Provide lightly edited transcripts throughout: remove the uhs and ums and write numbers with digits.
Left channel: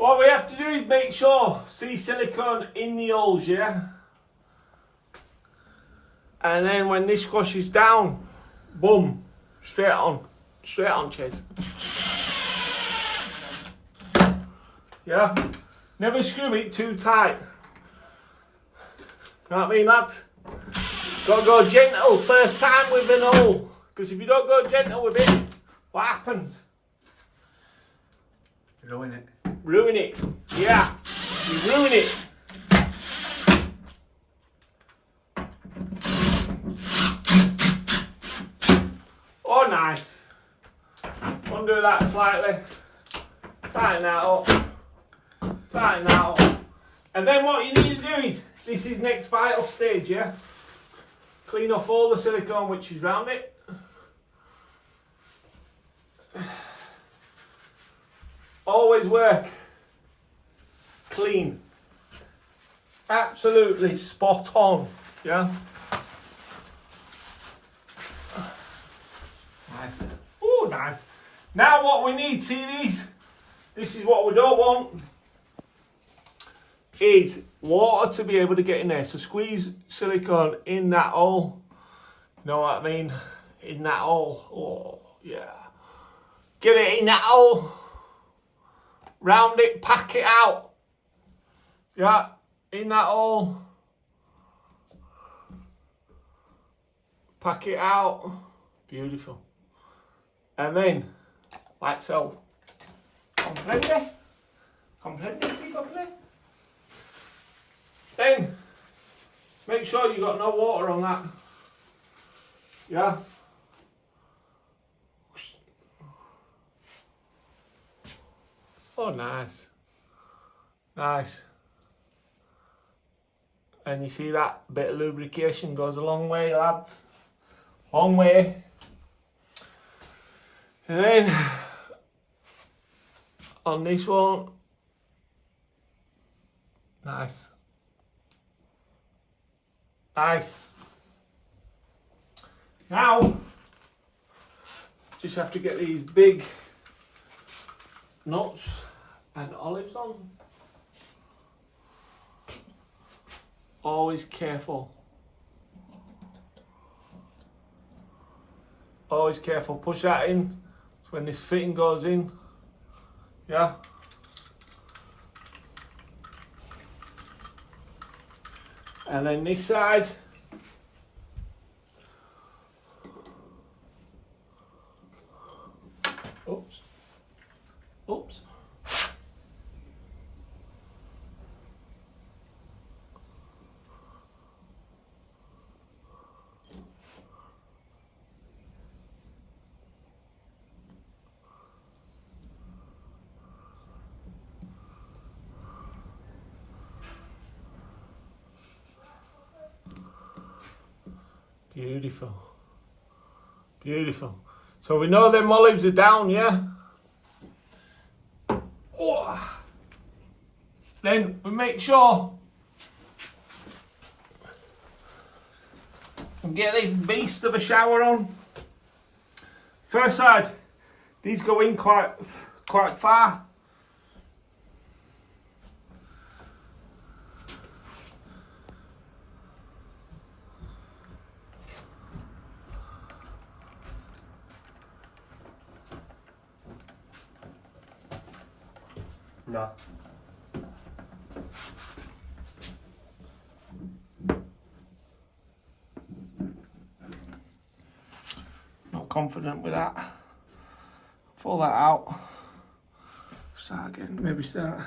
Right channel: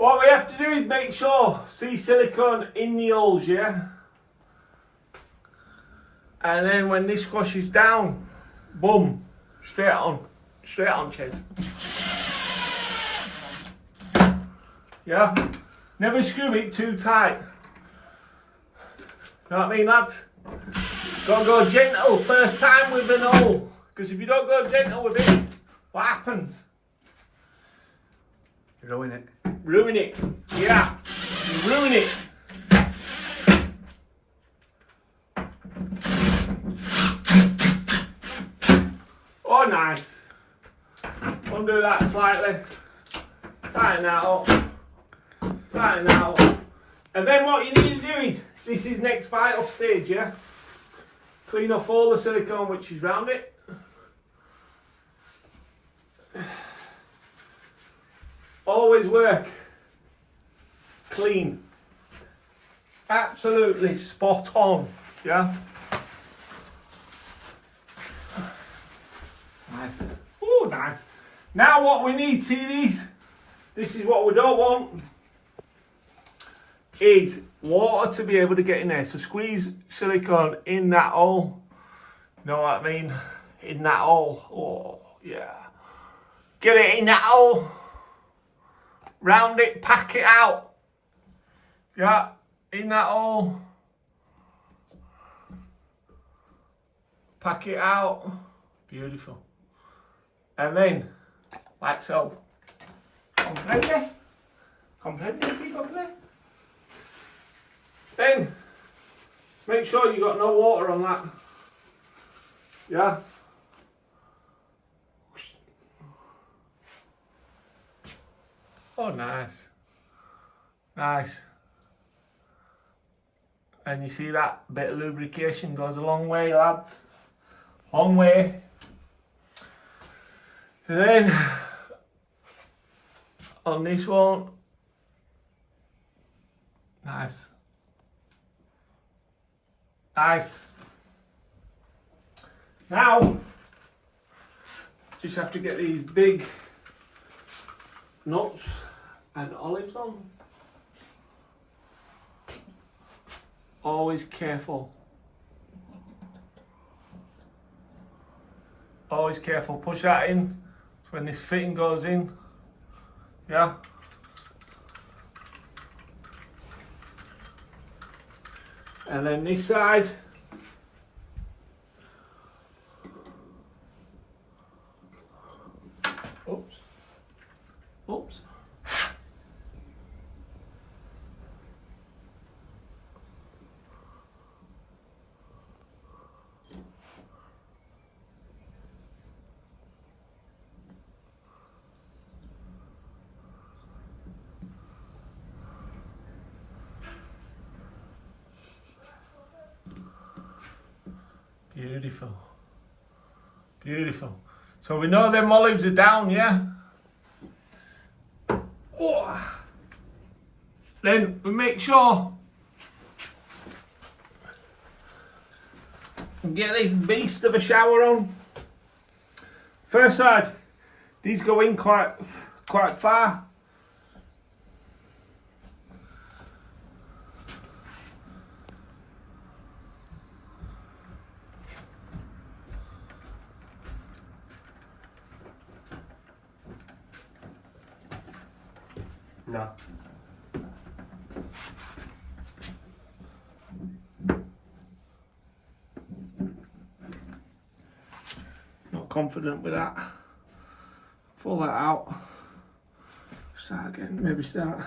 What we have to do is make sure, see silicone in the holes, yeah? And then when this squashes down, boom, straight on, Ches. Yeah? Never screw it too tight. You know what I mean, lads? Gotta go gentle first time with an hole. Because if you don't go gentle with it, what happens? Ruin it. Ruin it. Yeah. You ruin it. Oh, nice. Undo that slightly. Tighten that up. Tighten that up. And then what you need to do is, this is next vital stage, yeah? Clean off all the silicone which is round it. Always work clean. Absolutely spot on, yeah? Nice. Oh, nice. Now what we need, see these? This is what we don't want. Is water to be able to get in there. So squeeze silicone in that hole. You know what I mean? In that hole. Oh, yeah. Get it in that hole. Round it, pack it out. Yeah, in that hole. Pack it out. Beautiful. And then, like so. Comprende? Comprende, si, comprende? Then, make sure you got no water on that. Yeah? Oh, nice. Nice. And you see that bit of lubrication goes a long way, lads. Long way. And then, on this one, nice. Nice. Now, just have to get these big nuts and olives on. Always careful. Always careful. Push that in when this fitting goes in. Yeah. And then this side. Oops. Oops. Beautiful. Beautiful. So we know them olives are down, yeah? Oh. Then we make sure we get this beast of a shower on. First side, these go in quite far. No. Not confident with that. Pull that out. Start again, maybe start.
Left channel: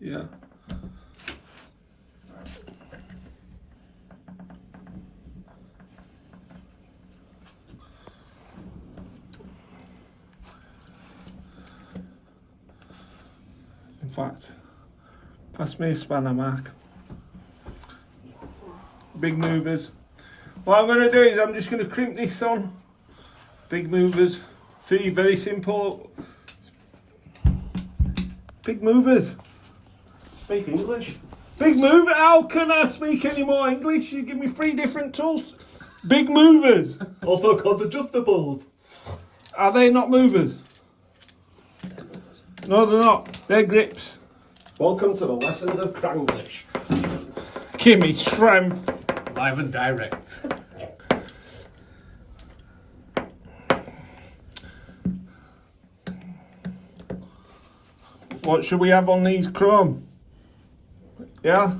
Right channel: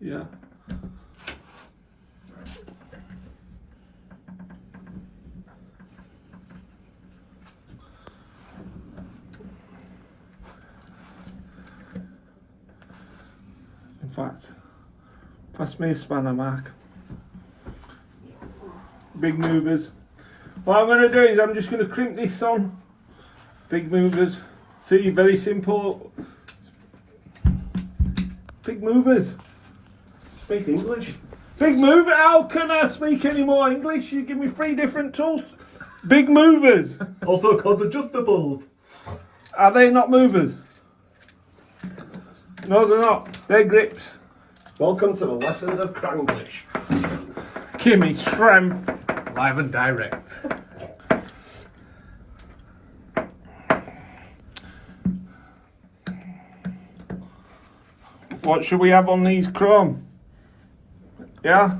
Yeah. In fact, pass me a spanner, Mark. Big movers. What I'm going to do is I'm just going to crimp this on. Big movers. See, very simple. Big movers. Speak English. Big mover. How can I speak any more English? You give me 3 different tools. Big movers. Also called adjustables. Are they not movers? No, they're not. They're grips. Welcome to the lessons of Cranglish. Kimmy Shrimp. Live and direct. What should we have on these chrome? Yeah?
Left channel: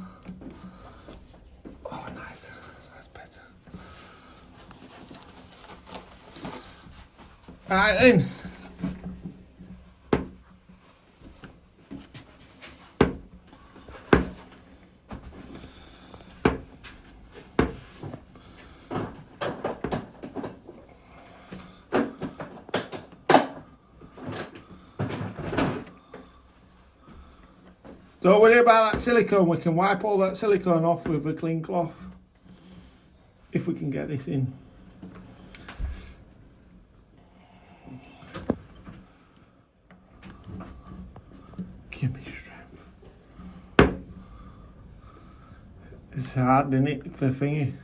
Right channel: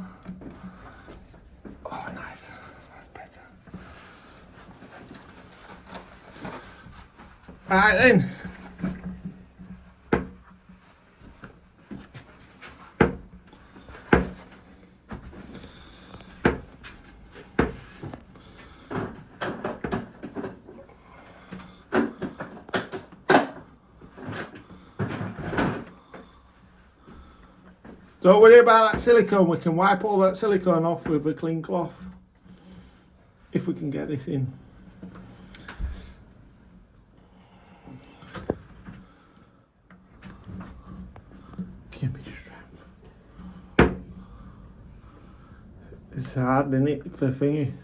Oh, nice. That's better. Right then. Don't worry about that silicone, we can wipe all that silicone off with a clean cloth. If we can get this in. Give me strength. It's hard, isn't it, for thingy?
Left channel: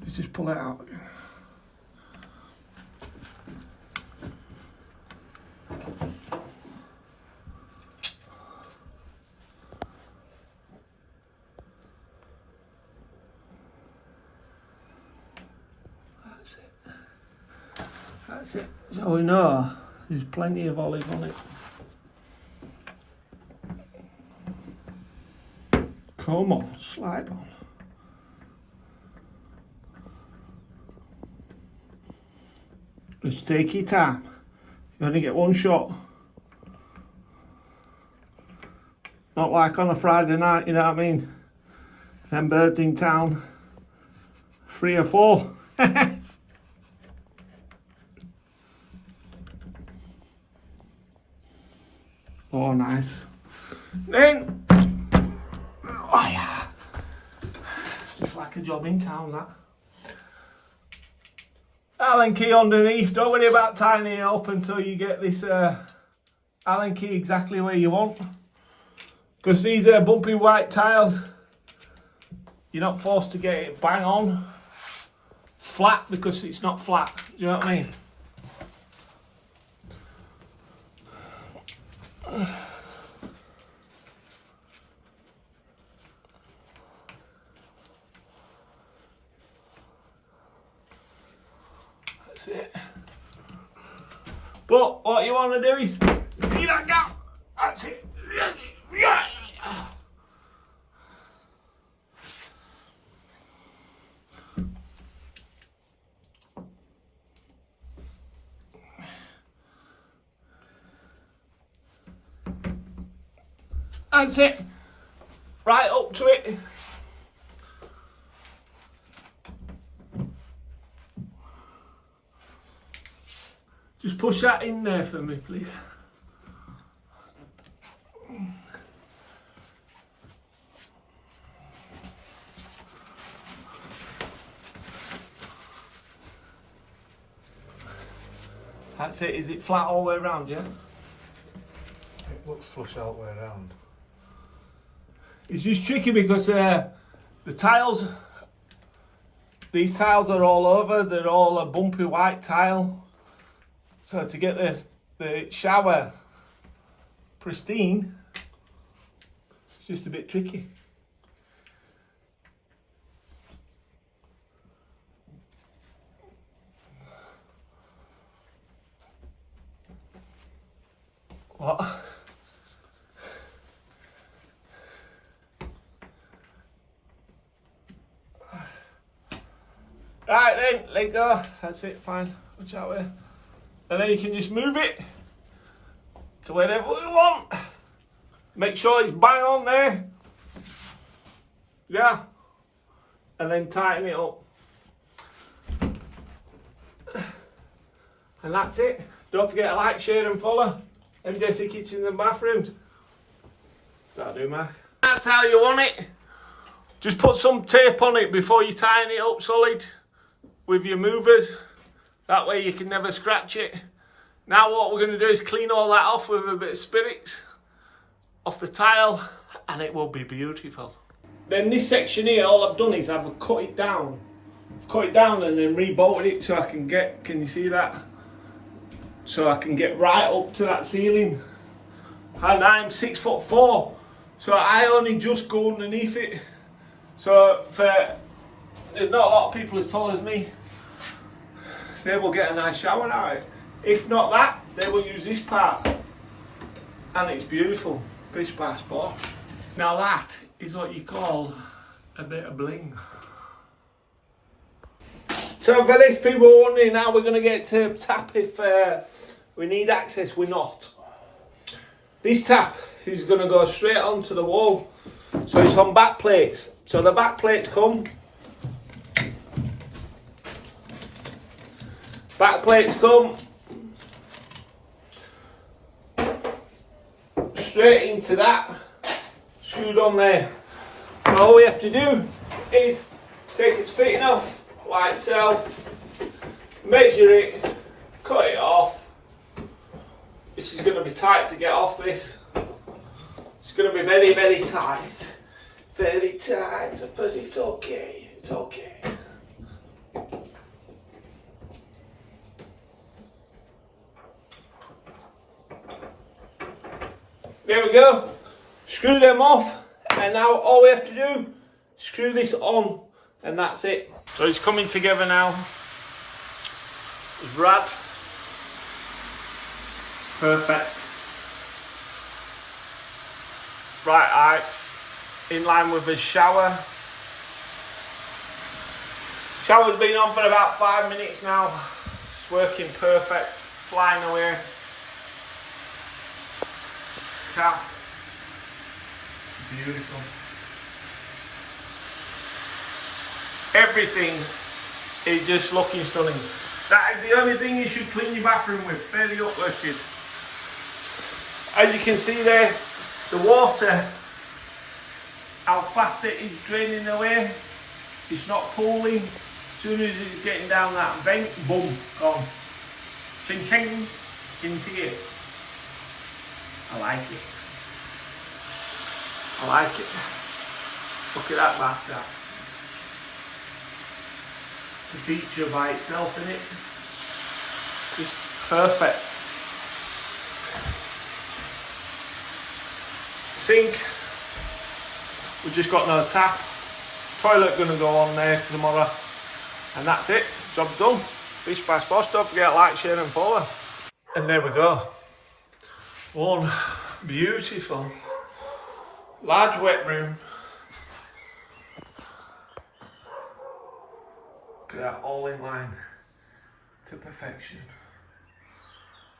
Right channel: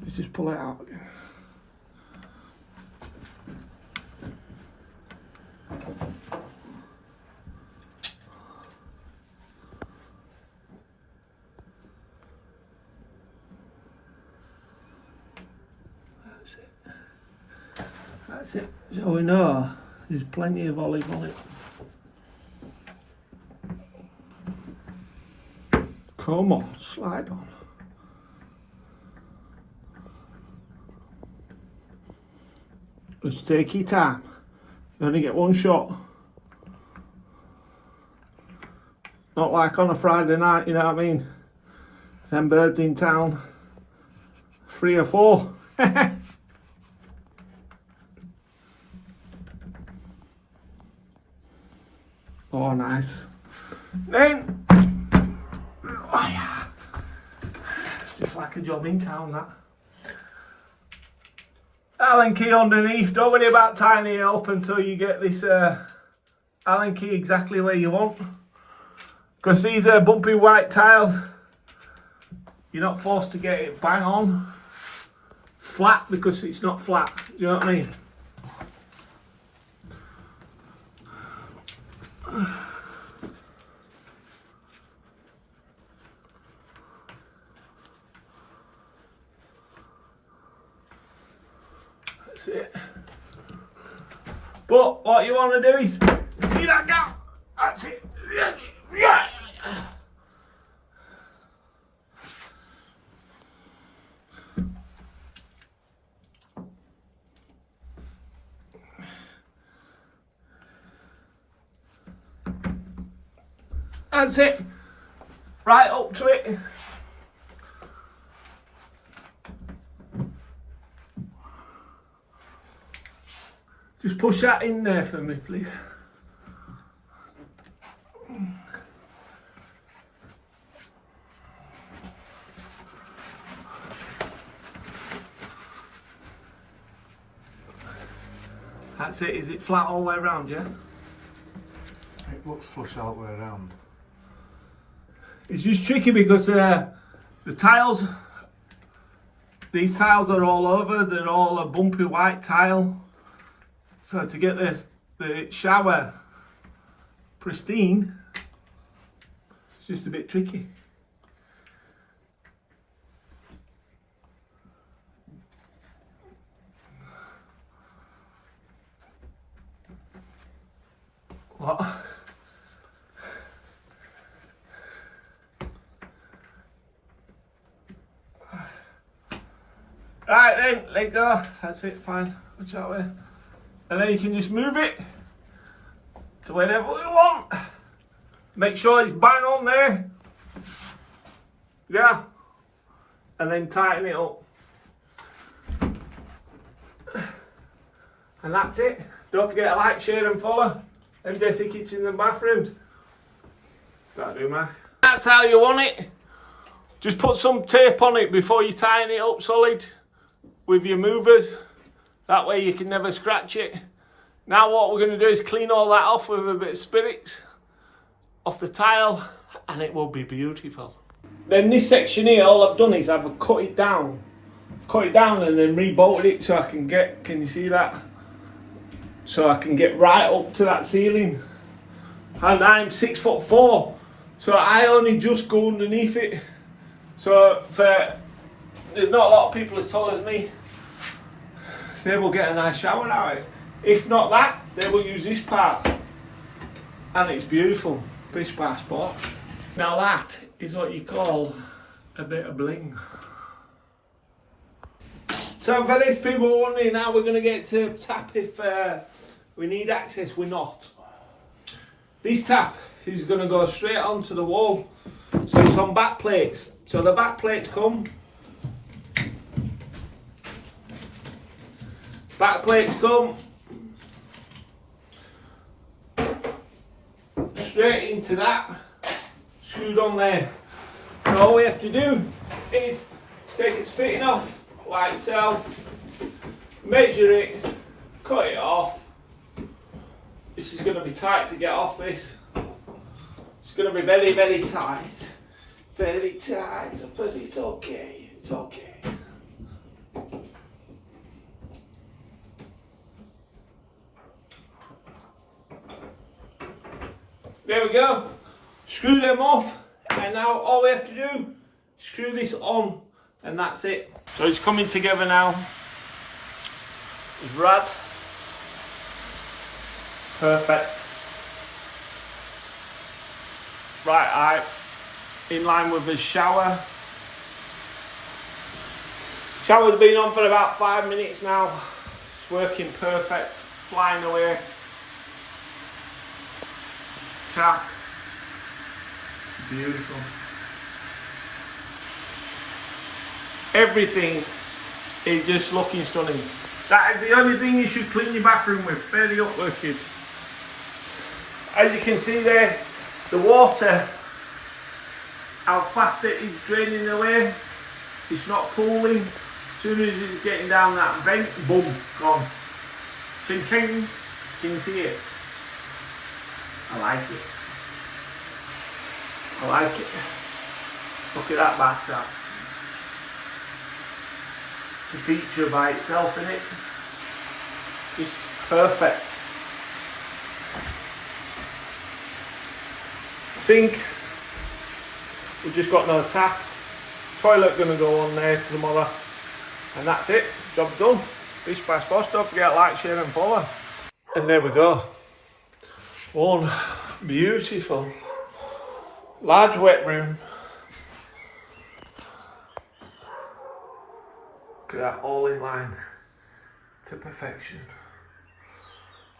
Let's just pull it out. That's it. So we know there's plenty of olive on it. Come on, slide on. Just take your time. You only get one shot. Not like on a Friday night, you know what I mean? 10 birds in town. 3 or 4. Oh, nice. Then, oh yeah, just like a job in town, that. Allen key underneath. Don't worry about tying it up until you get this Allen key exactly where you want. Because these are bumpy white tiles, you're not forced to get it bang on flat because it's not flat. You know what I mean? That's it. But what you want to do is see that gap. That's it. Yeah. That's it. Right up to it. Just push that in there for me, please. That's it. Is it flat all the way around, yeah? It looks flush all the way around. It's just tricky because the tiles, these tiles are all over, they're all a bumpy white tile. So to get the shower pristine, it's just a bit tricky. What? Right then, let go. That's it, fine. Watch out way. And then you can just move it to wherever we want. Make sure it's bang on there. Yeah. And then tighten it up. And that's it. Don't forget to like, share and follow MJC Kitchens and Bathrooms. That'll do, Mark. That's how you want it. Just put some tape on it before you tighten it up solid with your movers. That way you can never scratch it. Now what we're going to do is clean all that off with a bit of spirits off the tile and it will be beautiful. Then this section here, all I've done is I've cut it down. Cut it down and then rebolted it so I can get, can you see that? so I can get right up to that ceiling. And I'm 6'4", so I only just go underneath it. So there's not a lot of people as tall as me. They will get a nice shower out of it. If not that, they will use this part. And it's beautiful. Bish bash bosh. Now that is what you call a bit of bling. So for these people wondering how we're going to get to tap if we need access, we're not. This tap is going to go straight onto the wall. So it's on back plates. So the back plates come. Back plates come. Straight into that. Screwed on there. So all we have to do is take its fitting off like so. Measure it. Cut it off. This is going to be tight to get off this. It's going to be very, very tight. Very tight, but it's okay. It's okay. There we go. Screw them off, and now all we have to do is screw this on, and that's it. So it's coming together now. It's rad. Perfect. Right height, in line with the shower. Shower's been on for about 5 minutes now. It's working perfect, flying away. Tap, beautiful. Everything is just looking stunning. That is the only thing you should clean your bathroom with, fairly uplifted. As you can see there, the water, how fast it is draining away. It's not pooling. As soon as it's getting down that vent, boom, gone. Ching ching, you can see it. I like it. I like it. Look at that bathtub. It's a feature by itself, isn't it? Just perfect. Sink. We've just got no tap. Toilet gonna go on there tomorrow. And that's it. Job's done. Bish bash bosh. Don't forget to like, share and follow. And there we go. One beautiful large wet room. Look at that, all in line to perfection.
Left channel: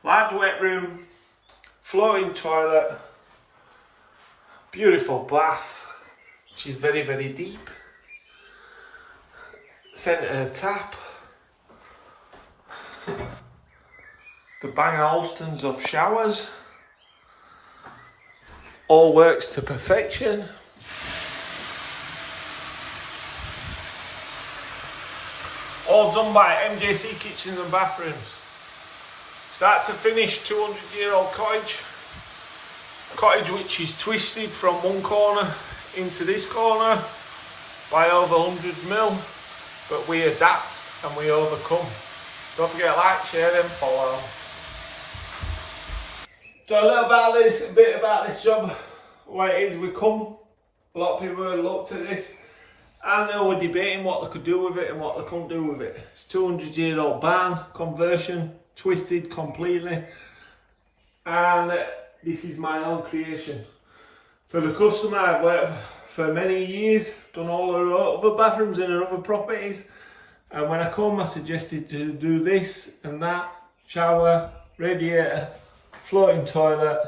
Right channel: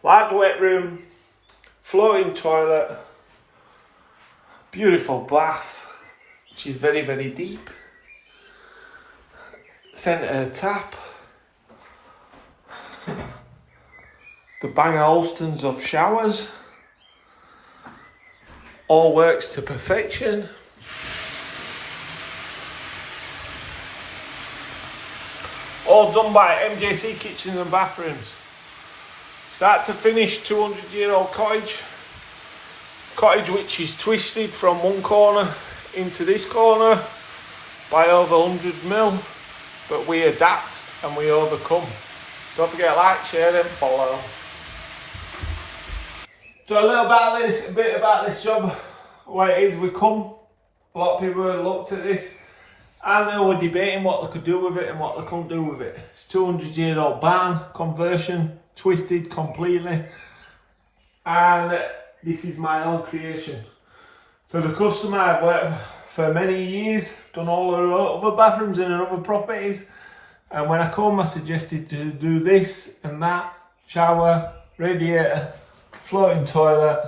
Large wet room, flowing toilet, beautiful bath, which is very, very deep. Centre tap. The Bang Olufsen's of showers. All works to perfection. All done by MJC Kitchens and Bathrooms. Start to finish, 200-year-old cottage. Cottage which is twisted from one corner into this corner by over 100 mil. But we adapt and we overcome. Don't forget to like, share and follow. So a bit about this job, what it is we come. A lot of people have looked at this and they were debating what they could do with it and what they couldn't do with it. It's 200-year-old barn conversion, twisted completely, and this is my own creation. So the customer I've worked for many years, done all the other bathrooms in other properties, and when I come I suggested to do this and that, shower, radiator, floating toilet,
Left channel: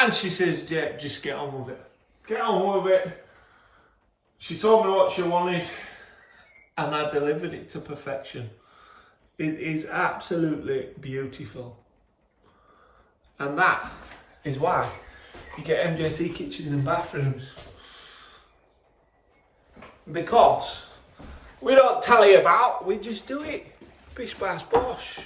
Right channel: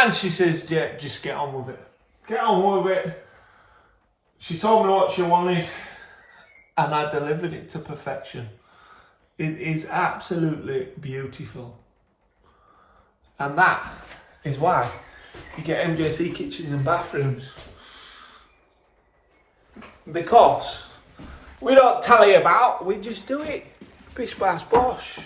and she says, yeah, just get on with it. Get on with it. She told me what she wanted and I delivered it to perfection. It is absolutely beautiful. And that is why you get MJC Kitchens and Bathrooms. Because we don't tally about, we just do it. Bish bash bosh.